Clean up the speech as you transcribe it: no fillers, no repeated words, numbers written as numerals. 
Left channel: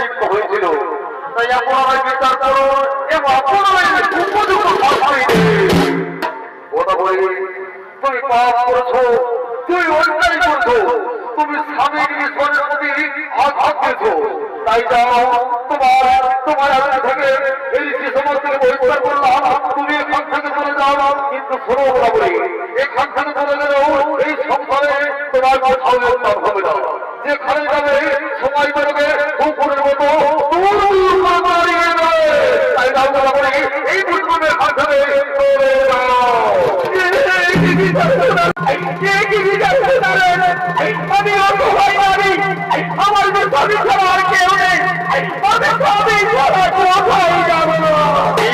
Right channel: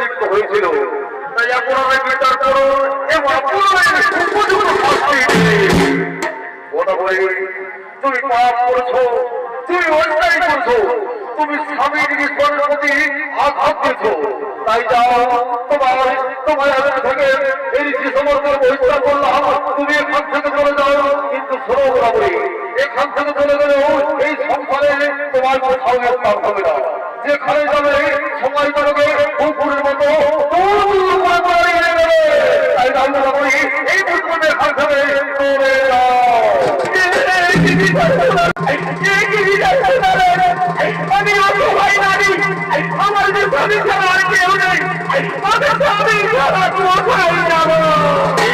লিপ্ত হয়েছিল। তাই আপনারা বিচার করুন এবং আপনারা তুমি পাপ করেছো, তুমি অন্যায় করছো, তুমি স্বামীর ঈশ্বরের প্রতি আঘাত দিয়েছো। তাই যাও, তোমার আগে থেকে এই যে সমস্ত বহিষ্কার করলাম, তুমি এখান থেকে চলে যাও। কিন্তু শোনো বরাবরই, এখান থেকে চলে গেলেও এই সংসারে তোমার কোথাও একটা হবে না। যেখানে যাবে সময় যাবে কুকুরের মতো তাই যাও বরাবরই এই দুর্গমের হাত ধরে